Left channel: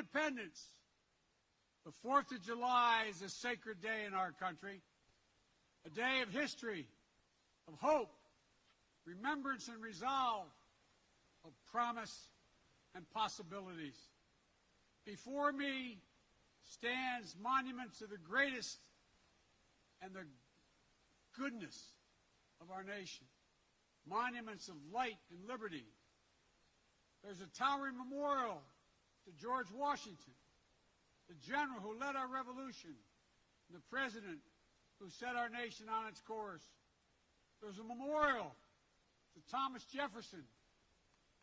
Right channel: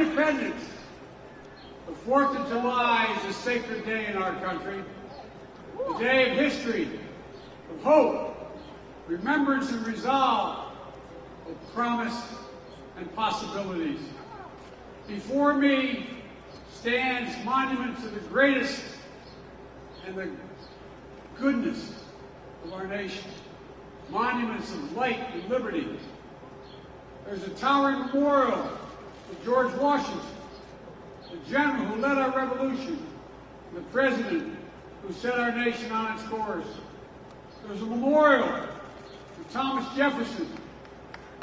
independence, the 4th of July is a sacred day in our country, a day of history, of hope, remembrance and resolve, of promise and possibilities. Before me stands monuments of the greatest and the goodness of our nation, monuments of light and liberty. There's a towering memorial to George Washington, the general who led our revolution, and the president who set our nation on its course. There's a memorial to Thomas Jefferson,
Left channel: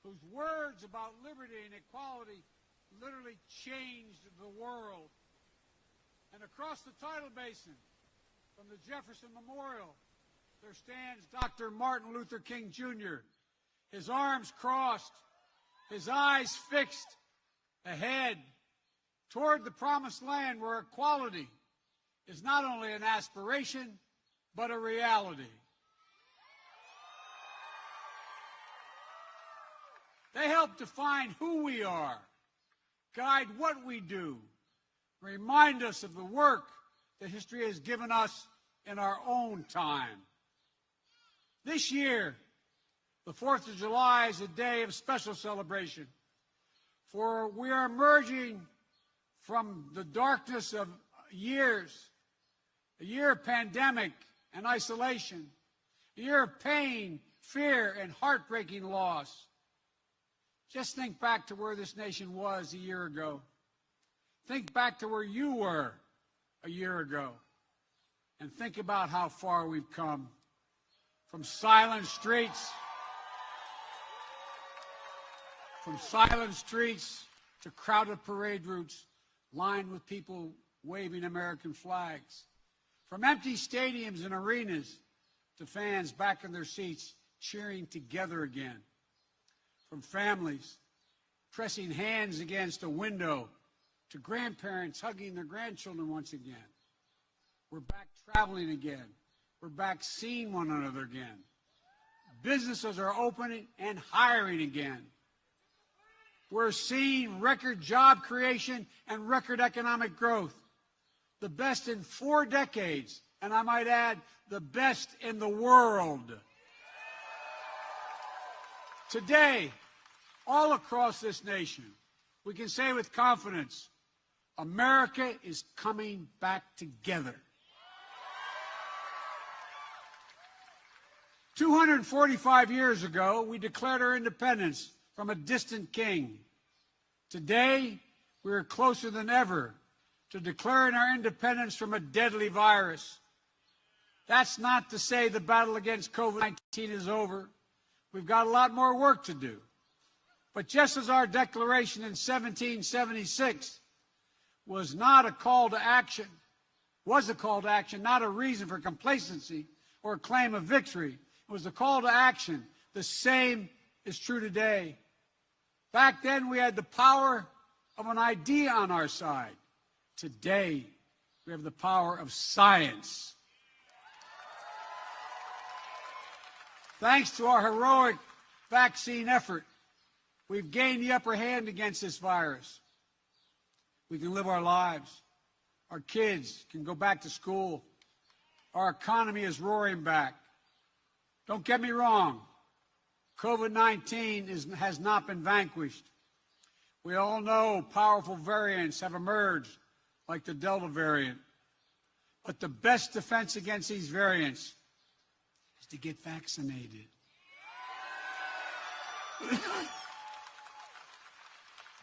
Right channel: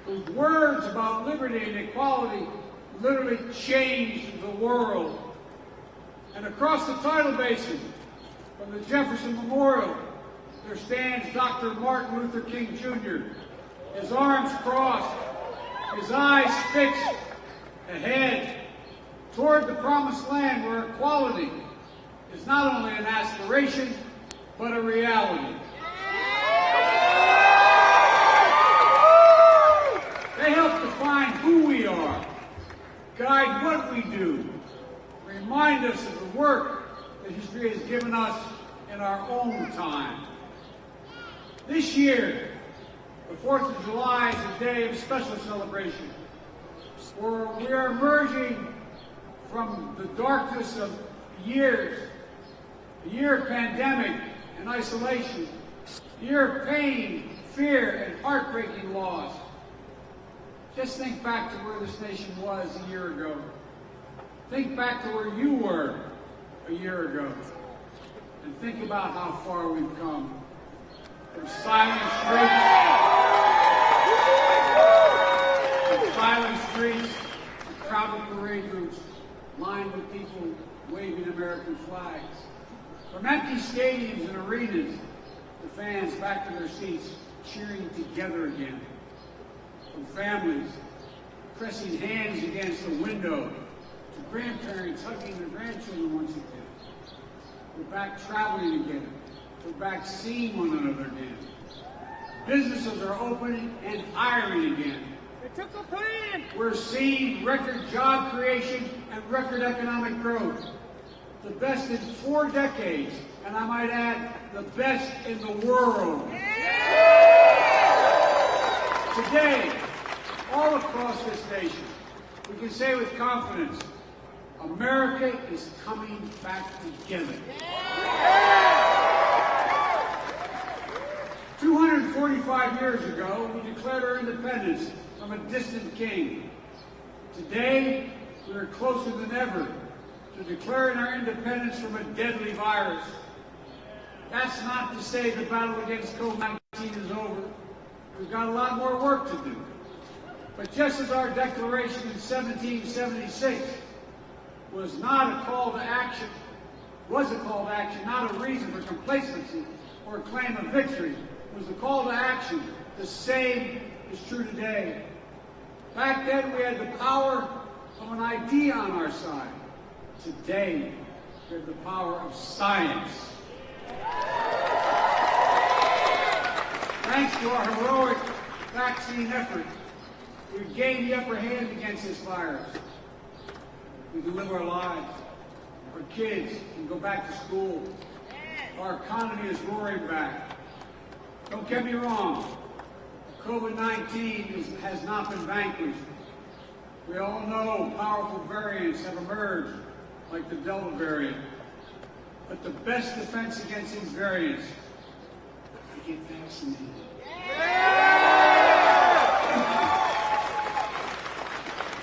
whose words about liberty and equality literally changed the world. And across the tidal basin, from the Jefferson Memorial, there stands Dr. Martin Luther King Jr., his arms crossed, his eyes fixed ahead toward the promised land where equality is not only an aspiration, but a reality. They help define who we are, guide what we do, remind us of the work that history has given us in our own time. This year, the 4th of July is a day of special celebration, where we are emerging from the darkness of years, a year of pandemic and isolation, a year of pain, fear, and heartbreaking loss. Just think back to where this nation was a year ago. Think back to where you were a year ago. And think about how far we've come. From silent streets to crowded parade routes lined with people waving American flags. From empty stadiums and arenas to fans back in their seats cheering together again. From families pressing hands against a window to grandparents hugging their grandchildren once again. We're back traveling again. We're back seeing one another again. Businesses are opening and hiring again. It took a plan. We're seeing record job creation and record economic growth. The best in 4 decades, and I might add, the best in the world. Today, all across this nation, we can say with confidence, America is coming back together. 245 years ago, we declared our independence from a distant king. Today, we are closer than ever to declaring our independence from a deadly virus. That's not to say the battle against COVID-19 is over. We've got a lot more work to do. But just as our declaration in 1776 was not a call to action, not a reason for complacency or a claim of victory, was a call to action. The same is true today. Back then, we had the power of an idea on our side. Today, we have the power of science. Thanks to our heroic vaccine effort, we've gained the upper hand against this virus. We can live our lives. Our kids can go back to school. Our economy is roaring back. Don't get me wrong, COVID-19 has not been vanquished. We all know powerful variants have emerged, like the Delta variant. But the best defense against these variants is to get vaccinated.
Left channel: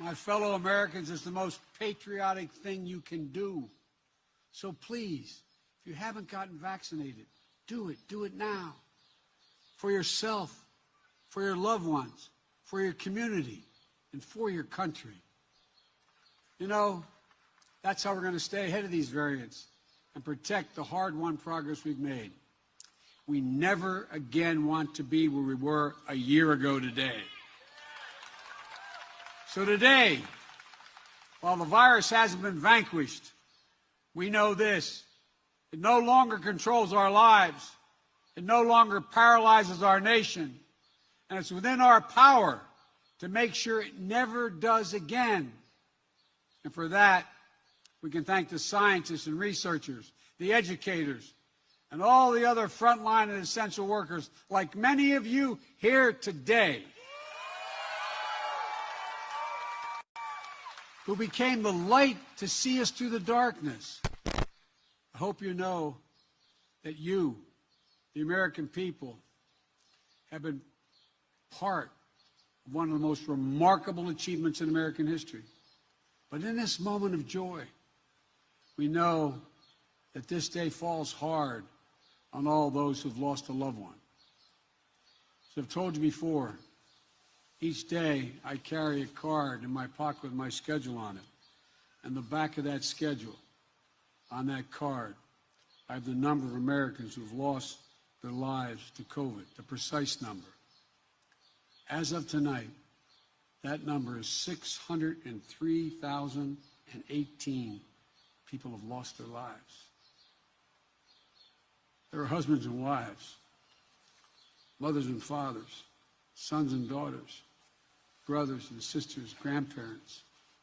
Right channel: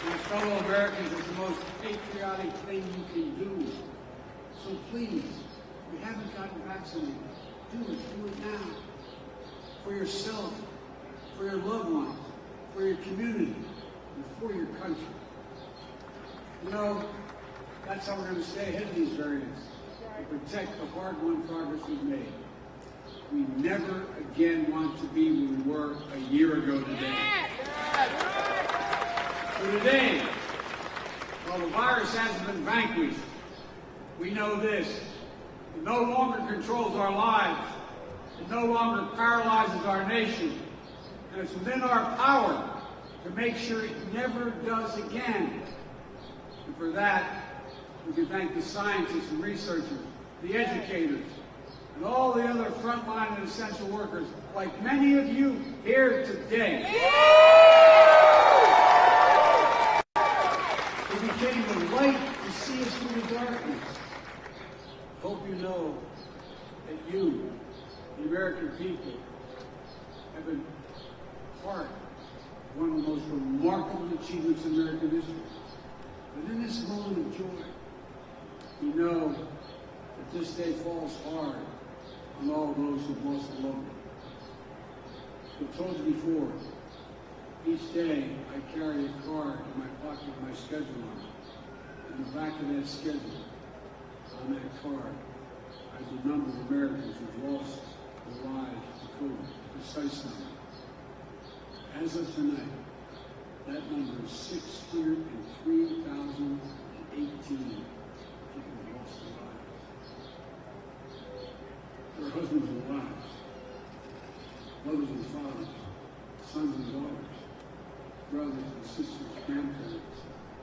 My fellow Americans, it's the most patriotic thing you can do. So please, if you haven't gotten vaccinated, do it now. For yourself, for your loved ones, for your community, and for your country. You know, that's how we're going to stay ahead of these variants and protect the hard-won progress we've made. We never again want to be where we were a year ago today. So today, while the virus hasn't been vanquished, we know this: it no longer controls our lives. It no longer paralyzes our nation. And it's within our power to make sure it never does again. And for that, we can thank the scientists and researchers, the educators, and all the other frontline and essential workers, like many of you here today, who became the light to see us through the darkness. I hope you know that you, the American people, have been part of one of the most remarkable achievements in American history. But in this moment of joy, we know that this day falls hard on all those who've lost a loved one. As I've told you before, each day I carry a card in my pocket with my schedule on it. And the back of that schedule, on that card, I have the number of Americans who've lost their lives to COVID, the precise number. As of tonight, that number is 603,018 people have lost their lives. There are husbands and wives, mothers and fathers, sons and daughters, brothers and sisters, grandparents,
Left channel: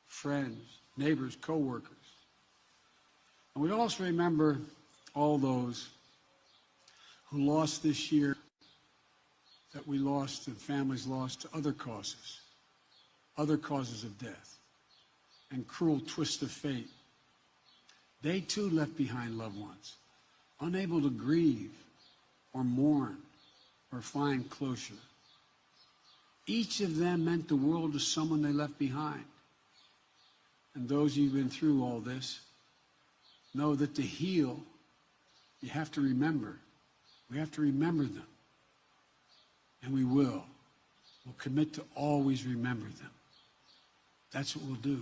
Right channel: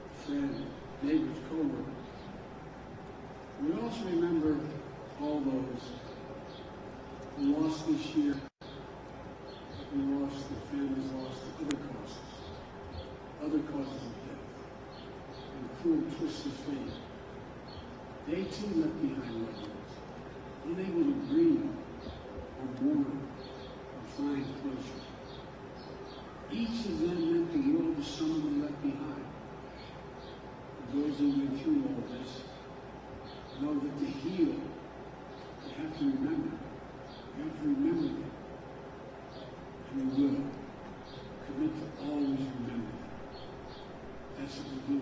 friends, neighbors, co-workers. And we also remember all those who lost this year, that we lost, and families lost to other causes of death, and cruel twists of fate. They too left behind loved ones, unable to grieve or mourn or find closure. Each of them meant the world to someone they left behind. And those of you who've been through all this know that to heal, you have to remember. We have to remember them. And we will. We'll commit to always remember them. That's what we'll do.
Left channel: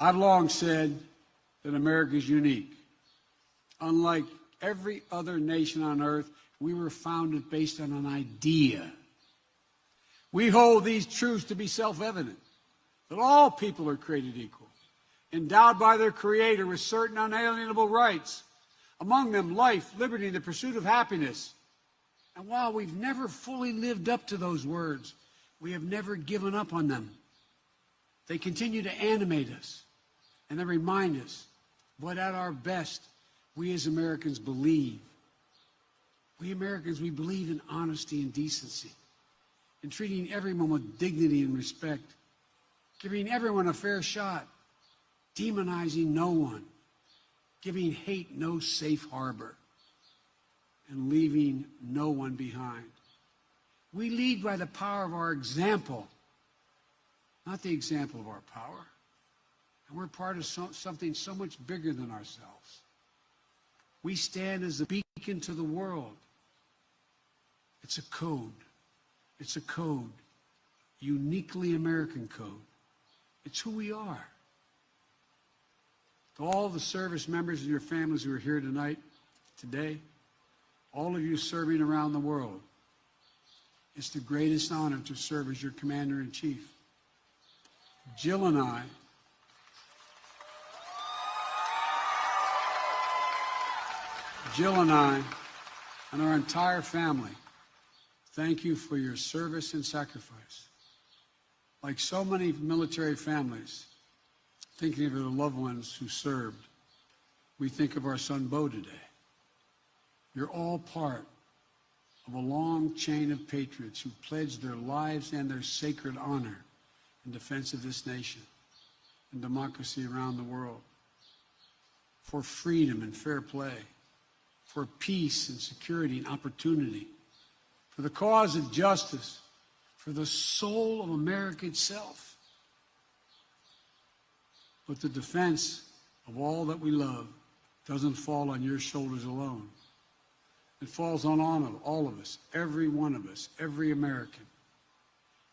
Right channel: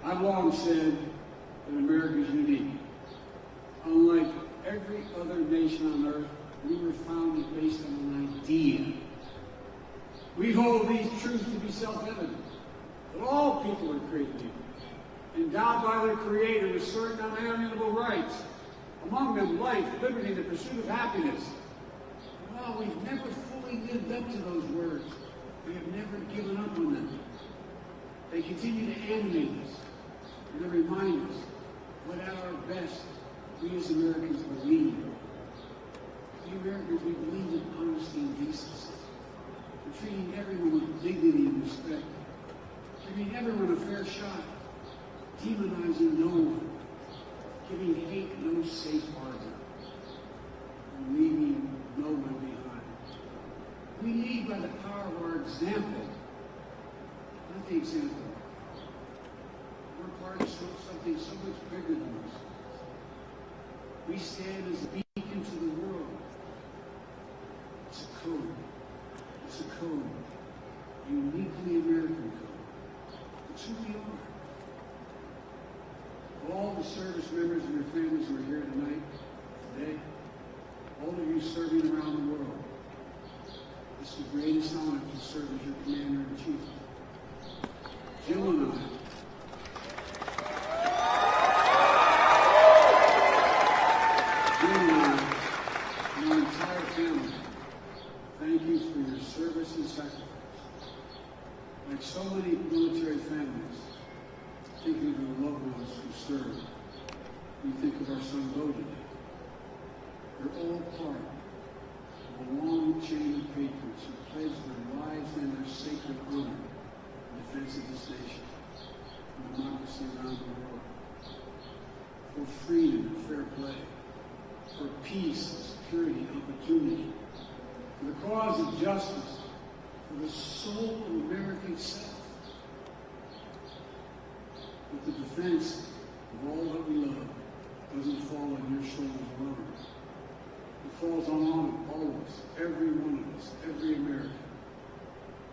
I've long said that America is unique. Unlike every other nation on earth, we were founded based on an idea. We hold these truths to be self-evident, that all people are created equal, endowed by their Creator with certain unalienable rights, among them life, liberty, and the pursuit of happiness. And while we've never fully lived up to those words, we have never given up on them. They continue to animate us, and they remind us what at our best we as Americans believe. We Americans, we believe in honesty and decency, in treating everyone with dignity and respect, giving everyone a fair shot, demonizing no one, giving hate no safe harbor, and leaving no one behind. We lead by the power of our example, not the example of our power. We're part of something so much bigger than ourselves. We stand as a beacon to the world. It's a code. It's a code. Uniquely American code. It's who we are. To all the service members and their families who are here tonight, today, all of you serving around the world, it's the greatest honor to serve as your Commander-in-Chief. Jill and I, and our entire family, thank you for your service and sacrifice. Like so many military families, thinking of the loved ones who served, we think of our son Bo today. You're all part of a long chain of patriots who pledged their lives and their sacred honor in defense of this nation and democracy around the world, for freedom and fair play, for peace and security and opportunity, for the cause of justice, for the soul of America itself. But the defense of all that we love doesn't fall on your shoulders alone. It falls on all of us, every one of us, every American.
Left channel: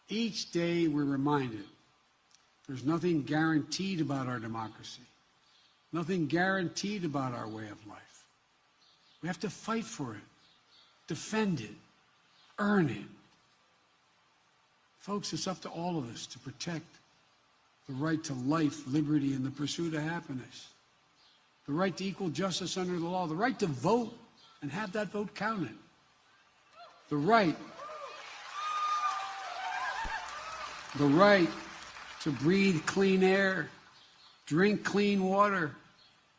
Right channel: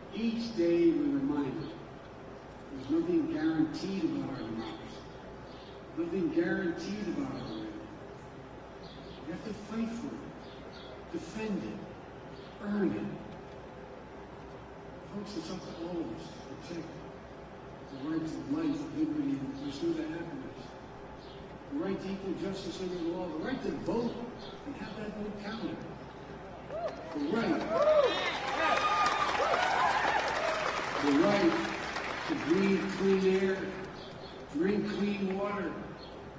Each day we're reminded there's nothing guaranteed about our democracy, nothing guaranteed about our way of life. We have to fight for it, defend it, earn it. Folks, it's up to all of us to protect the right to life, liberty, and the pursuit of happiness, the right to equal justice under the law, the right to vote and have that vote counted, the right to breathe clean air, drink clean water,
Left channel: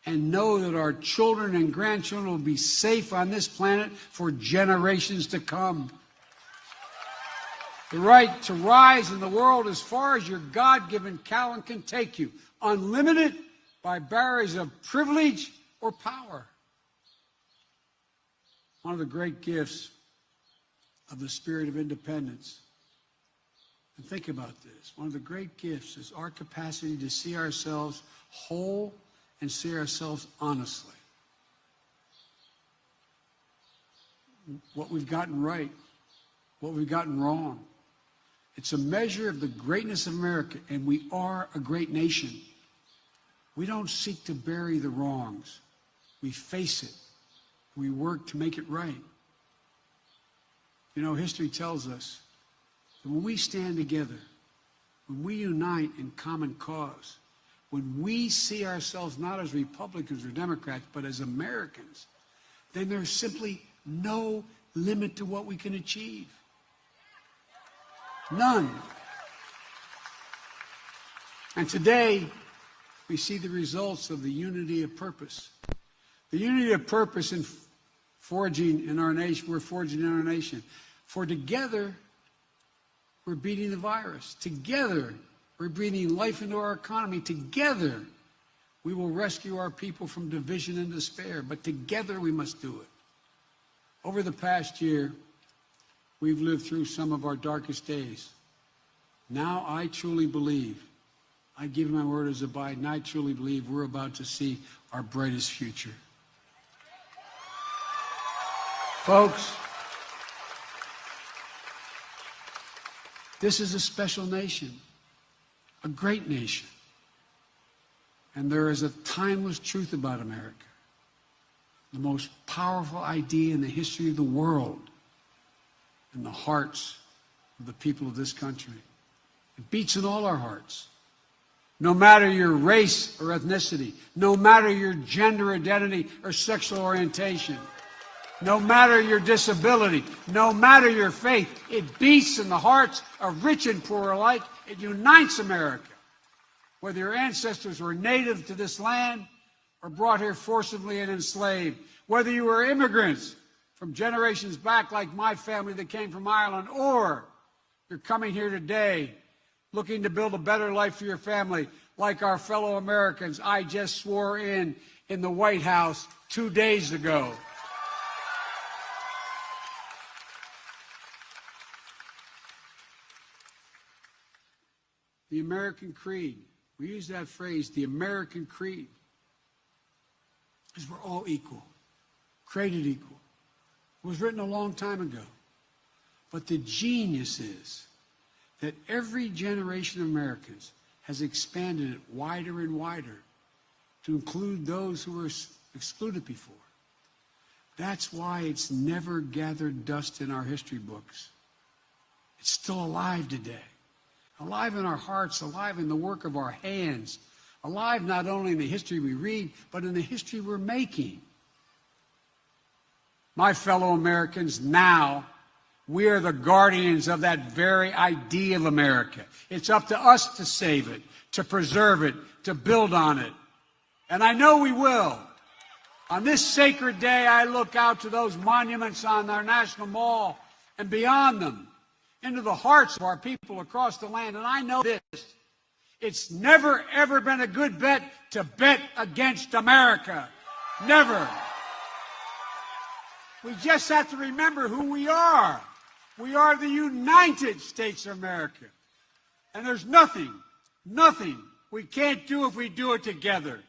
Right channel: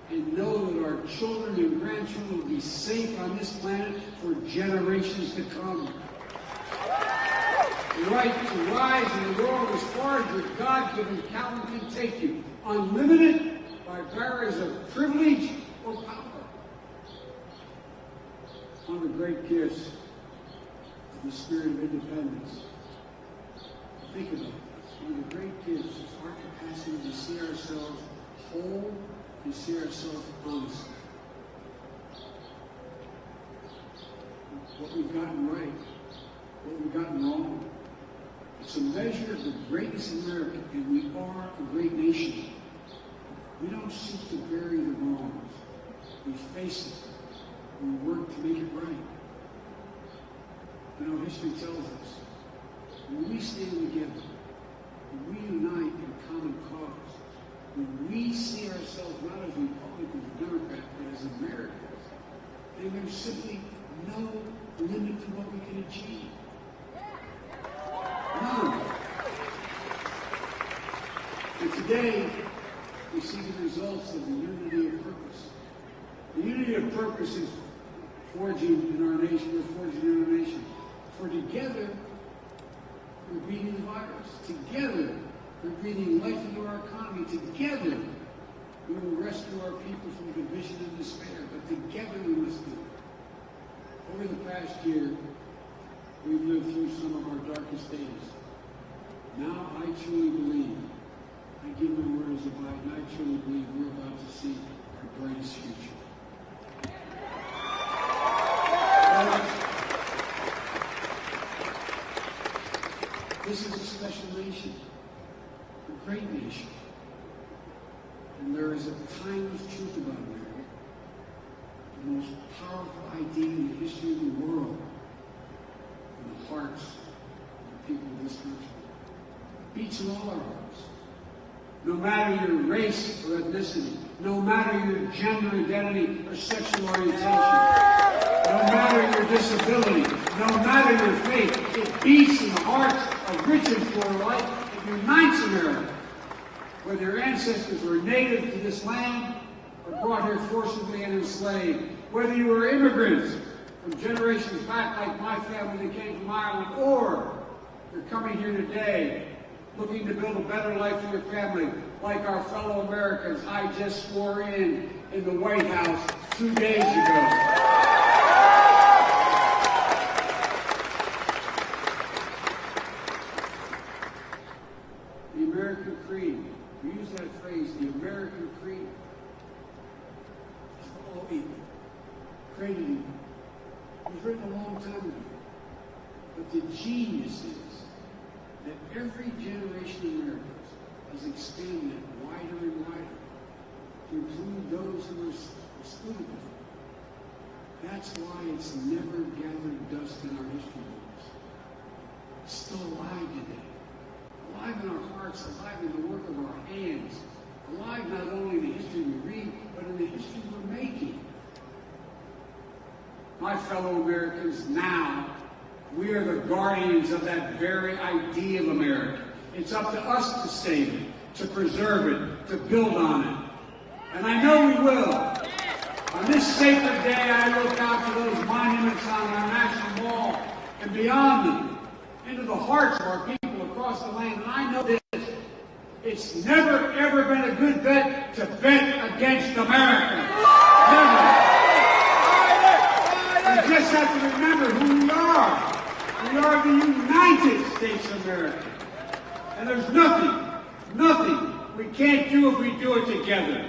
and know that our children and grandchildren will be safe on this planet for generations to come. The right to rise in the world as far as your God-given talent can take you, unlimited by barriers of privilege or power. One of the great gifts of the spirit of independence. Think about this. One of the great gifts is our capacity to see ourselves whole and see ourselves honestly. What we've gotten right, what we've gotten wrong. It's a measure of the greatness of America, and we are a great nation. We don't seek to bury the wrongs. We face it. We work to make it right. You know, history tells us that when we stand together, when we unite in common cause, when we see ourselves not as Republicans or Democrats, but as Americans, then there's simply no limit to what we can achieve. None. And today, we see the results of the unity of purpose. The unity of purpose in forging in our nation, we're forging in our nation. For together, we're beating the virus. Together, we're breathing life into our economy. Together, we will rescue our people from division and despair. But together, we must do it. Over the past year, we've lived through some of our darkest days. Now, I truly believe, I give my word as a Biden, I truly believe we're about to see our brightest future. Folks, this is a special nation, a great nation. And there is a timeless truth about America. The most powerful idea in the history of the world, in the hearts of the people of this country. It beats in all our hearts. No matter your race or ethnicity, no matter your gender identity or sexual orientation, no matter your disability, no matter your faith, it beats in the hearts of rich and poor alike. It unites America. Whether your ancestors were native to this land or brought here forcibly and enslaved, whether you were immigrants from generations back like my family that came from Ireland, or you're coming here today looking to build a better life for your family, like our fellow Americans I just swore in the White House 2 days ago. The American creed, we use that phrase, the American creed, is we're all equal, created equal. It was written a long time ago. But the genius is that every generation of Americans has expanded it wider and wider to include those who were excluded before. That's why it's never gathered dust in our history books. It's still alive today. Alive in our hearts, alive in the work of our hands, alive not only in the history we read, but in the history we're making. My fellow Americans, now, we are the guardians of that very idea of America. It's up to us to save it, to preserve it, to build on it. And I know we will. On this sacred day, I look out to those monuments on our National Mall and beyond them, into the hearts of our people across the land. And I know this, it's never, ever been a good bet to bet against America. Never. We just have to remember who we are. We are the United States of America. And there's nothing we can't do if we do it together.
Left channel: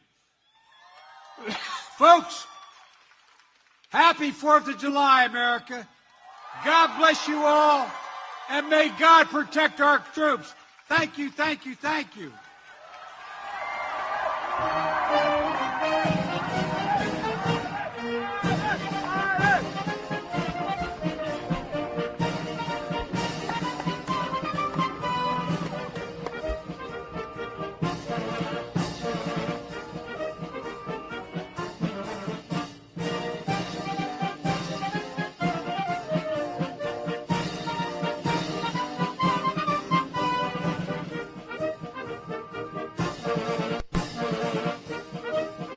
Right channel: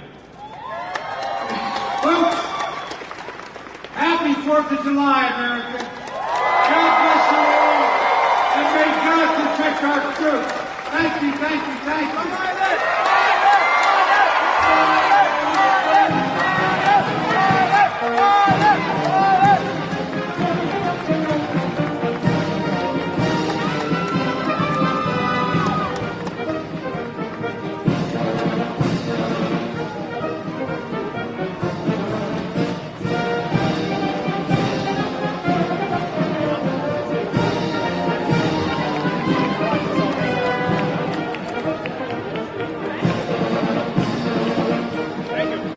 Folks, happy 4th of July, America. God bless you all, and may God protect our troops. Thank you, thank you, thank you.